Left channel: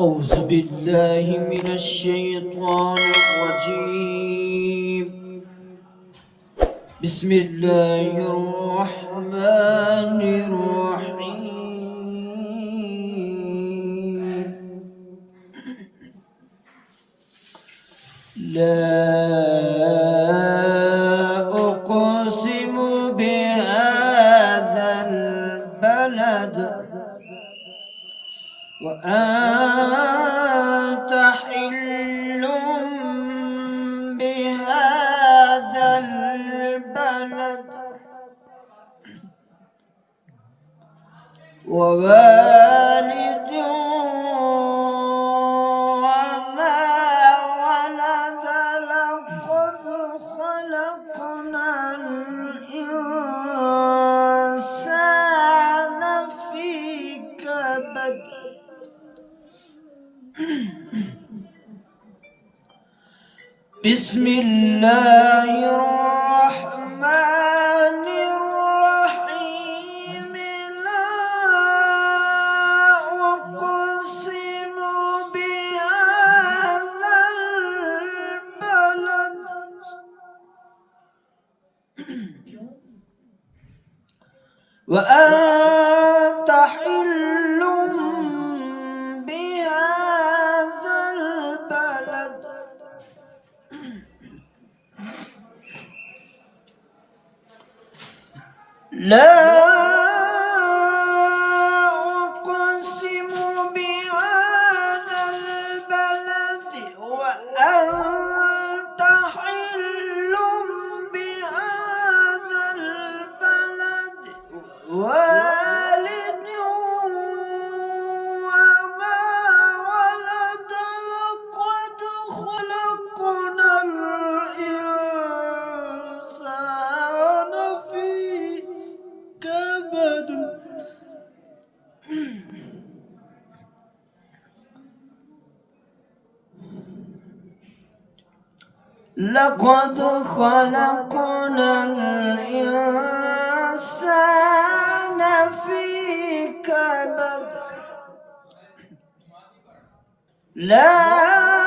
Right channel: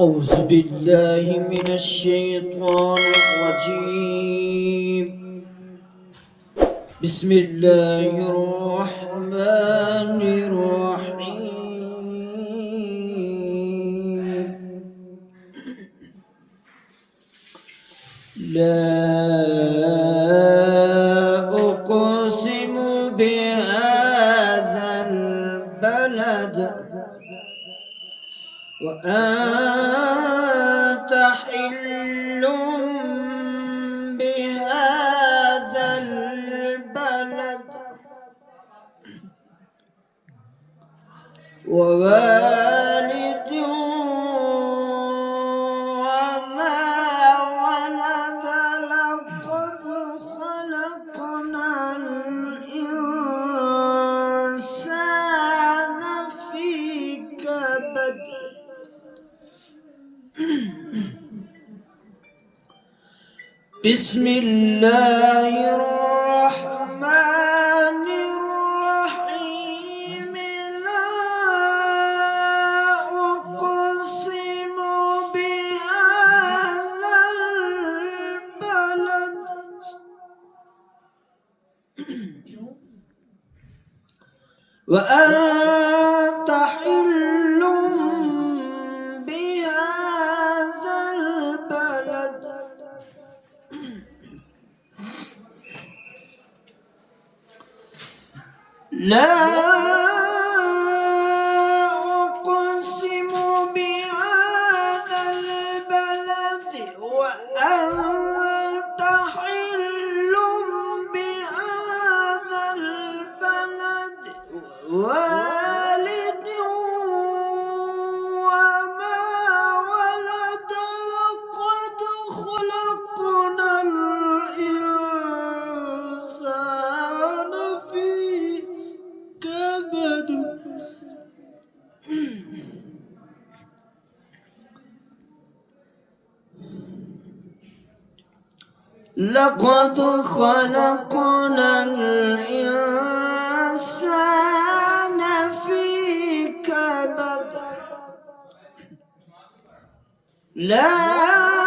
أعوذ بالله من الشيطان الرجيم. بسم الله الرحمن الرحيم. لا أقسم بهذا البلد وأنت حل بهذا البلد ووالد وما ولد. لقد خلقنا الإنسان في كبد. بسم الله الرحمن الرحيم. لا أقسم بهذا البلد وأنت حل بهذا البلد. لا أقسم بهذا البلد وأنت حل بهذا البلد والد وما ولد. لقد خلقنا الإنسان في كبد. لقد خلقنا الإنسان في كبد. لا